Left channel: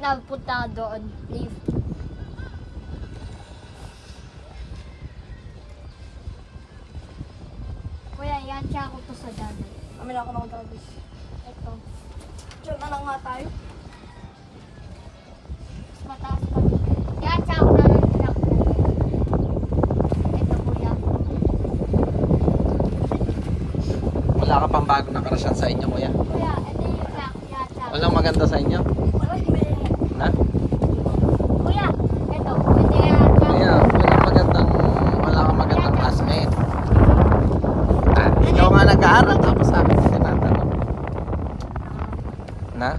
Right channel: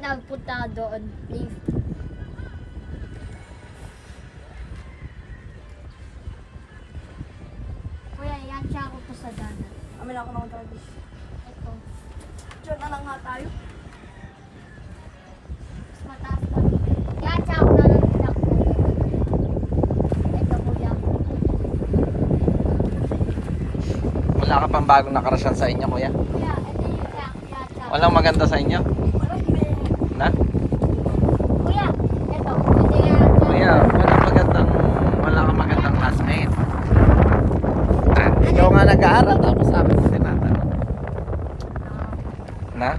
napunta doon. Lift. Kuya, yan siya ako to sa dagat. Amin ako ng dragis. Ito. Diyan na lang nga tayo. Mas mataas pa. Yan siya ako na lang. Ito kuya. Wala ka pang bagong nakarasyan sa inyo, kuya? Kuya, ito yung siya. Yan siya. Walang maganda sa inyo? Na? Kuya, ito. Ito yan siya. Kuya, wala kang magandang classmate. Ikaw nga nag-aaral tapos sabi mo tinatanong. Na?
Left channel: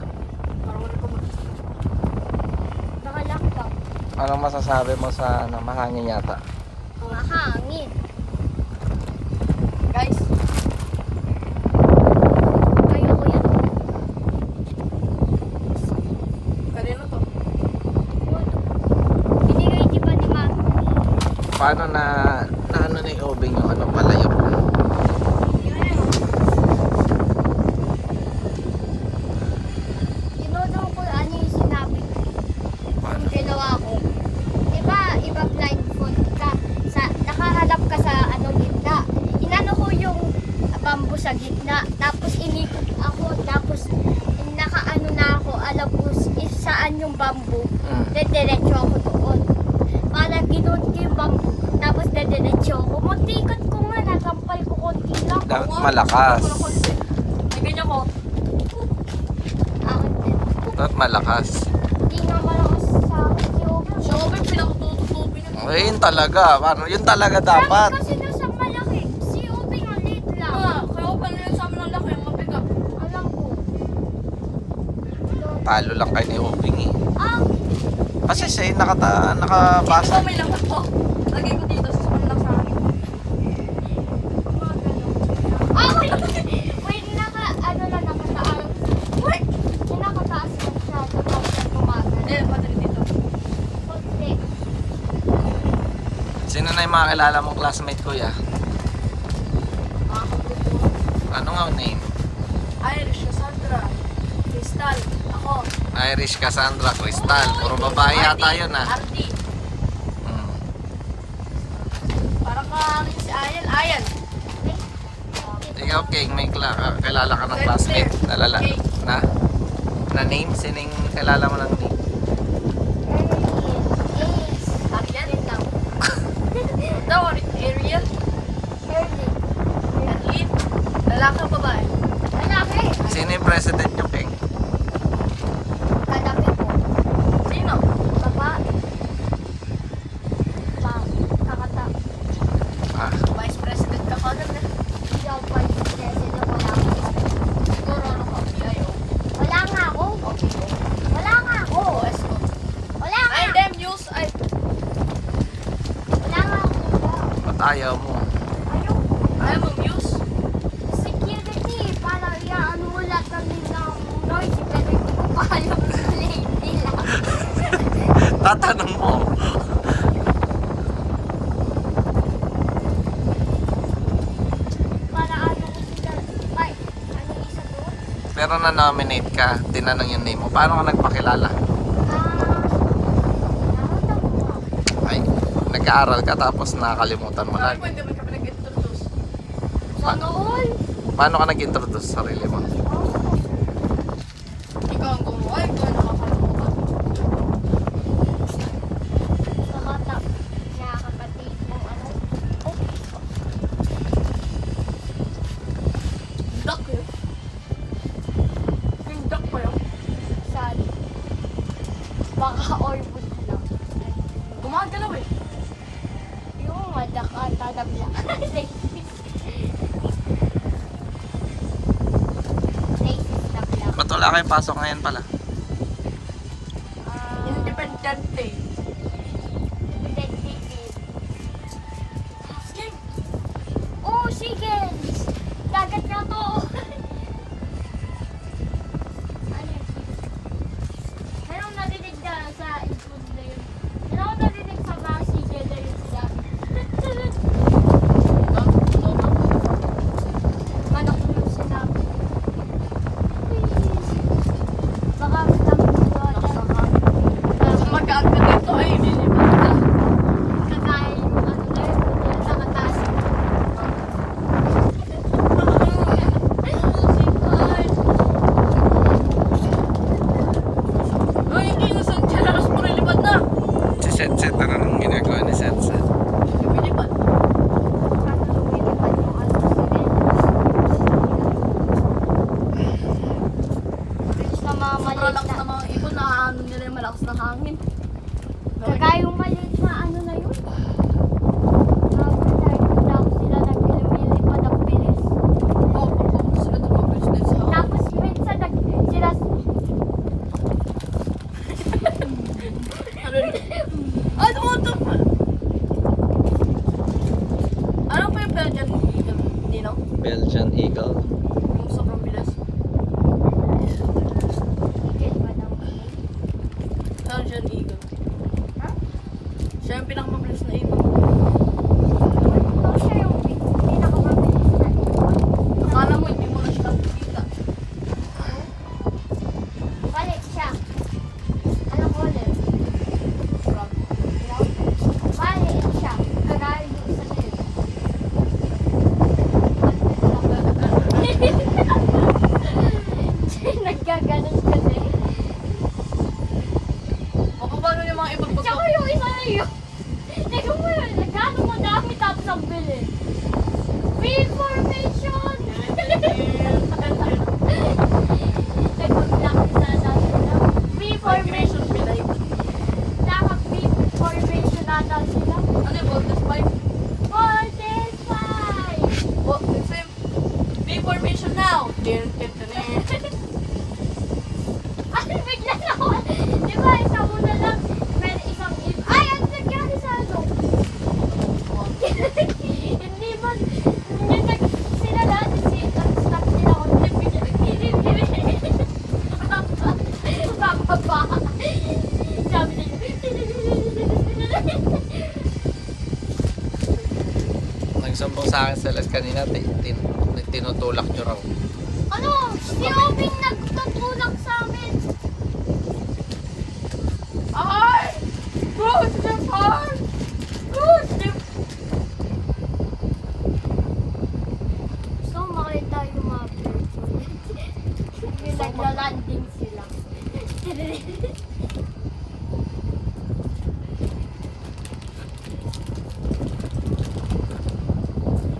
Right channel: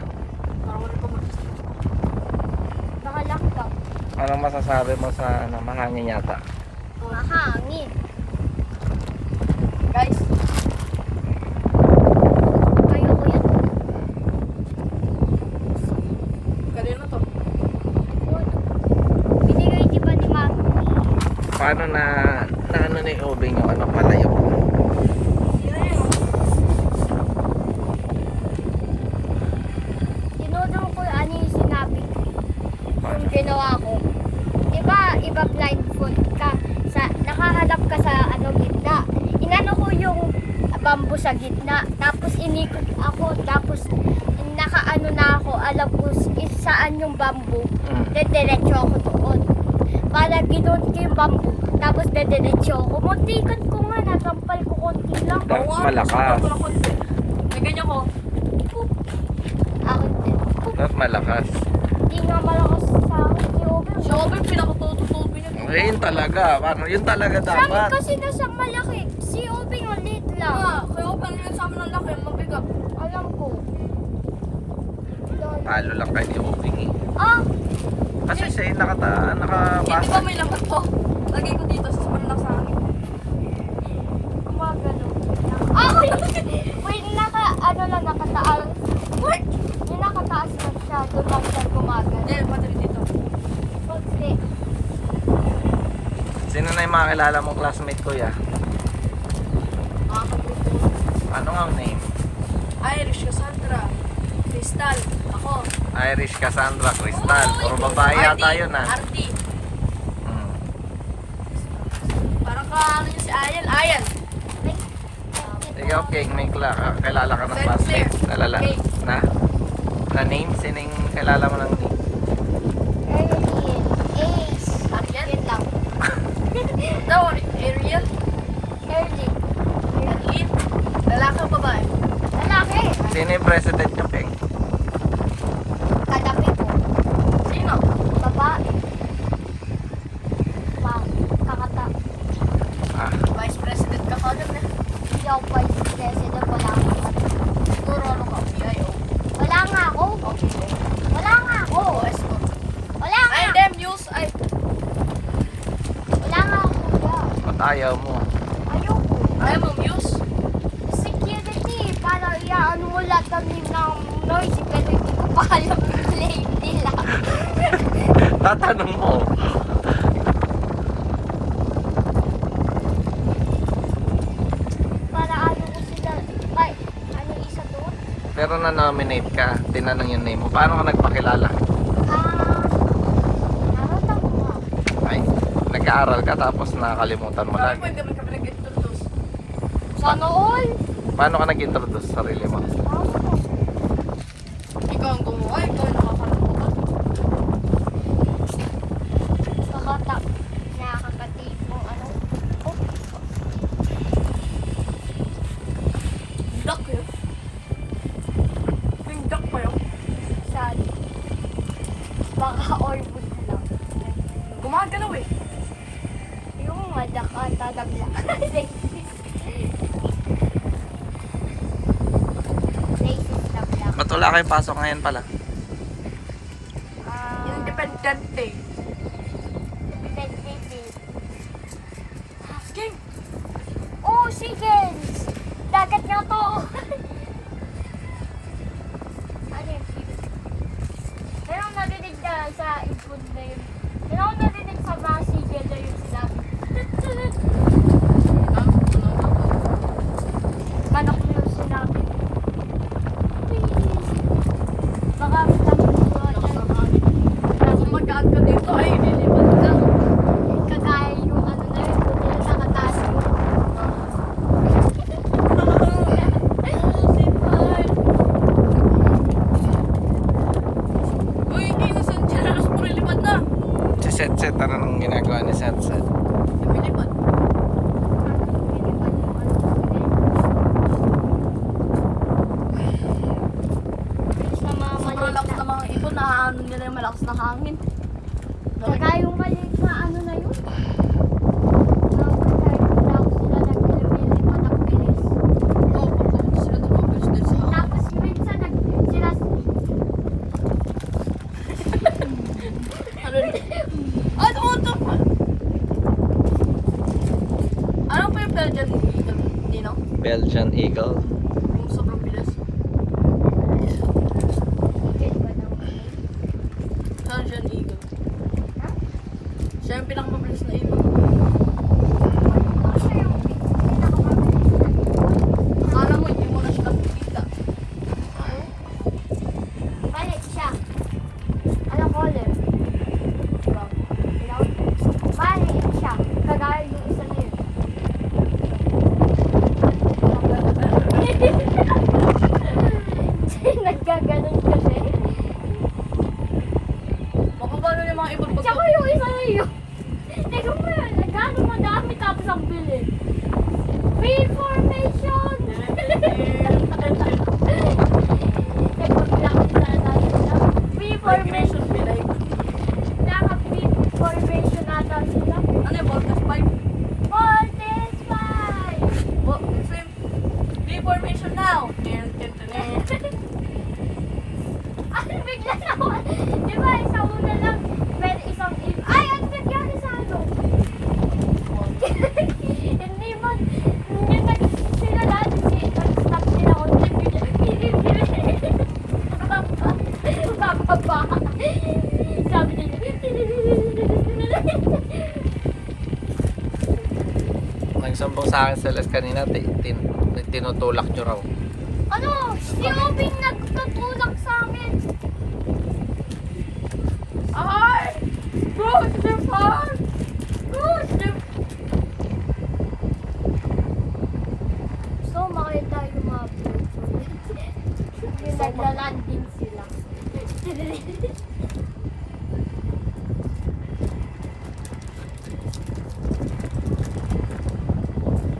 Parang wala ko Nakalakdaw. Anong masasabi mo sa mahangin yata? Mahangin. Guys, Kayo kuya. kanino to? Binigay di ba ni Mami? Paano na ano ni Obing yung ano palayo? Yun na yun. Tinudong ko ano yung sinabi ko. Yung ginawa ko. Di ba iba blindfold ka? Nakaharap ka sa ano gitna. Inano ko yung bamboo sa gitna. Tapos inikot ako. Tapos nakaano na ako. Alam ko saan yung bamboo. Dediretso ako doon. Para ginoon ko yung bamboo. Tapos dediretso ako. Muntikot ko nga. Nakampal ko konti lang. Malakas. May ganyan ko. Ako din. Dapat malakas. Hindi nga malakas sa akin si Ober. Si Obing pinakatututubi niya. Eh, yun talaga. Paano? Yun talaga dapat. Kasi nasa malaki. Si Obing ang lit lang. Kaya Obing na yun sa amin ang laki, ang mabigat. Alam ko. Talo lang kayo ni Obing eh. Ah! Kasi siya yung Di ba nakabasa. may lahat ko? Lagay ko dito sa kanila sa akin. Gumagano. Ah! Wait, ano lang, nakataas. Wait! Yung nakataas lang siya. Doon lang siya gumagano. Hindi, pati dito. So, stick. Sino na yung mga kilala mong classmate, kuya? Ano nga ang name? Irish, Cassandra, Crystal, ako. Irish, Cassandra, Crystal. Puro babae yata yun ah. Artie. Hmm. Parang ka, ano yun si Ayan? Ayan. Ikaw, King, may kilala ka ng classmate? Nalala? Na? Na name? Sino yung kilala mo ng name? Ace. Ariel? Yun lang. Daw, Ariel? Early. Arlene? Lalaki o babae? Lalaki. Sino yung president nyo, King? Kadabi ko. Sino? Babae. Wow. Kakata. Ah, Vice President ka kagad eh. Hindi ako vice president. Wala akong Siguro ano ka? Kayo. Wala nga ako. Wala nga ako. Wala nga. Ay, them news. Ay, Wala nga ako. ba't ayaw mo? Ayoko. ayaw mo news? Security. Para iaano mo lahat kami ng noise. Pero hindi ko pa alam yung name nila. Tatanong mo. Para ano ko sila. Ay, ano isa doon? Pero na-nominate ka, tinanong yung name mo. Paano ka nagpakilala? Nakita ko nga. Ay, nag-aaral ka tapos nakakalimutan mo Sabi ko, lagi. hindi mo kami nag-introduce. Sana all. Paano ka nag-introduce sa sarili mo? Ikaw ang gumawa, ikaw ang nakakalakuha. Nakakapatid mong ano. Oh, Duck yun. Yung duck pa yun. sad. Baka orbit lang. Gumagalaw eh. Yung madak at tadabla. Ba't wala kayong pasok ngayon pala? Independente. Sige. Oh, sige! Dagat nga to! Ano yun? Meron akong narinig na sa input na yun. Meron akong narinig sa mga sige na yun sila. Manok yung sinabi. Baka sabi ko lakas ng hangin. Kagaya yung maliit na ano na yun. Tapos sila nagpilipad ang bilis. Oo, pagpapos sila tumapos din sa hangin. Tapos minsan sila Ano yun? Ay, tumutok pa! Ano pa yung Belgian Eagle? Nino? Belgian Eagle. Yung sobrang bilis. Belgian Eagle. Ha? Siya yung pinakamabilis na ibon. Ano siya yung pinakamabilis na ibon? Akala mo hindi mo na siya nakikita. Maliit siya. Anong color? Maliit siya. Kagaya yung isa na yun. Nagkaganon kasi. Paano yung mga ibon pag... Tsaka yung isa na yun. Teka mo yan. Gano'n mo dami tapos ang bilis. Reformation! Migration pilay. Naka-reformation nata sila. Ano yung Voltas 5? Voltage 5! Oh, same. Reformation now! Tin, tin, tin, tin. Ay, bigla na ako. Di ba, isa muna lang. May isang ay, ang nangyari sa ano? Hindi man. Yung sila lahat, stop sila ulit. Kapapa. Sabi nila. Nagsumbong sa akin sila kanina, tinutulak nyo raw. Ano? Si Obing nagtutulak sa amin. Ay! Good, Stefan! Good, Stefan! So, makita yung mga birds ulit. Yung nagla-landing sila.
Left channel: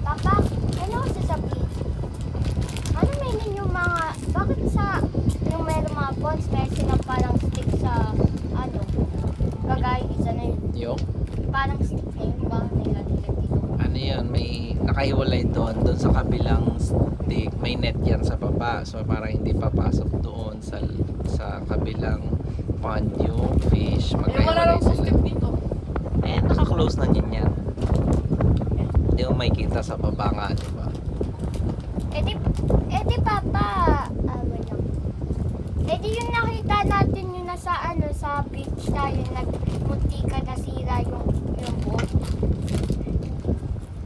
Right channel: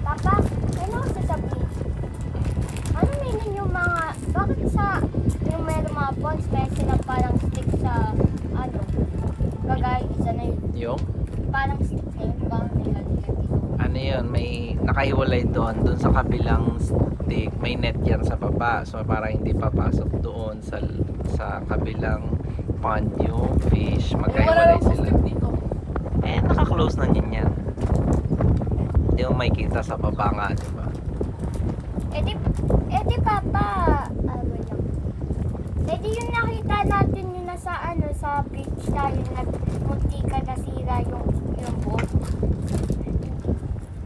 Papa, ano ang sasabihin? Ano meaning yung mga, bakit sa, yung meron mga bonds, may sila parang stick sa, ano, kagaya isa na yun, Yung? parang stick na yun, parang nila dito. Ano yun, may nakahiwalay doon sa kabilang stick, may net yan sa baba, so parang hindi papasok doon sa kabilang pond yung fish, Wala magkahiwalay lang sa sila. step dito. Eh, naka-close na yan. Hindi mo makikita sa baba nga, di ba? Eh di papa, wala. Eh di yung nakita natin yung nasa ano, sa beach tayo, nagmunti ka nasira yung boat.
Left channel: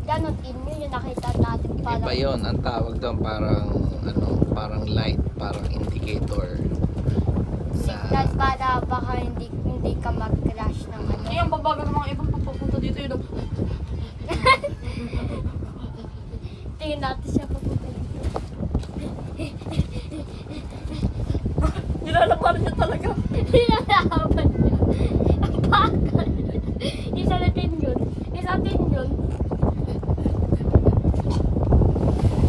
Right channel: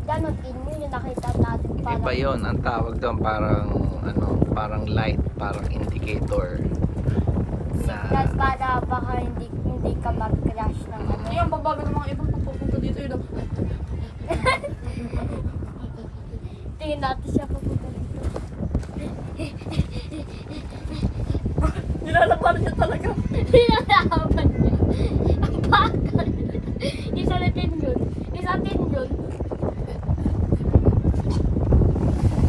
Ganon din yun yung nakita natin parang. Iba yun, ang tawag doon parang light, parang indicator. Signal para baka hindi ka mag-crash ng ano. Hindi ang babagal ng mga ibon pag pupunta dito yun. Tingnan natin siya papunta dito. Nilalaban niya talaga. Nilalaban niya. Ang bagal. Isa na din yun. Isa din yun.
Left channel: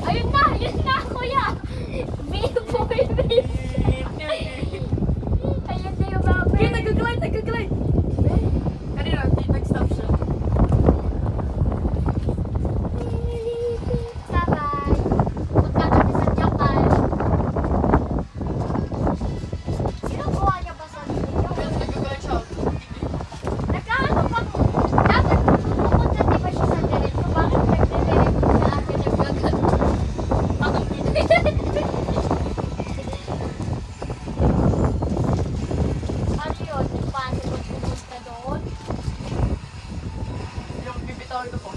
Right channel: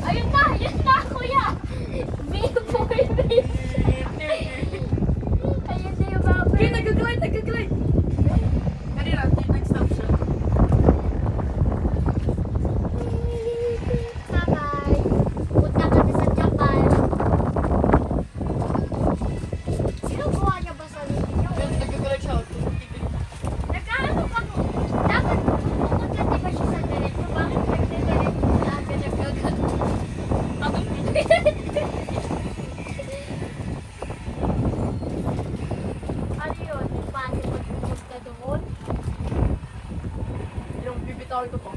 Ayun na kuya. Boy, ayun na yung mga Okay, nag-glide. Kanina, nag-stop siya. Bye-bye. Punta kami sa Japan. Sino gawa niya ba sa video? Nag-glide siya. Nagkaano pa mo? Dapat pupunta di ba siya sa diretso? Bakit nagdidiretso sa akin nagbagal? Bakit hindi? Ano yun? Impossible pumunta doon? Yung bibitawin ko po.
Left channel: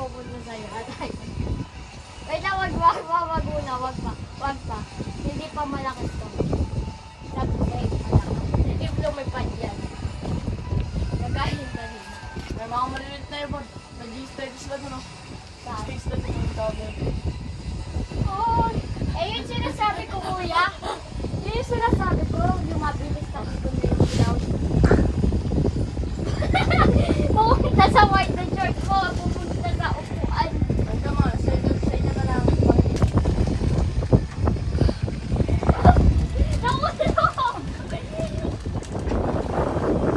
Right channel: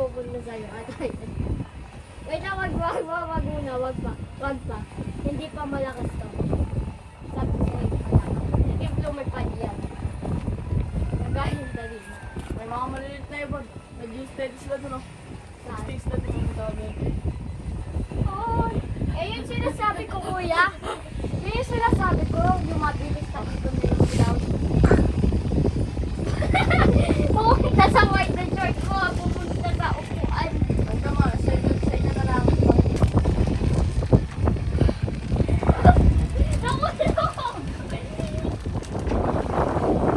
Pupunta sa'yo. Wait lang, wag muna. Wag pa. Hindi pa malakas to. Sabi na yun malakas. Yung may panyan. Naghahinda rin. May mga maliliit na ibon. Nag-i-stay sila doon. Saan? Stay sila doon. Bibitawin dito. Oh, yun sinasabi ko kuya. Yun yung sinasabi ko, yung mabilis na ibon na yung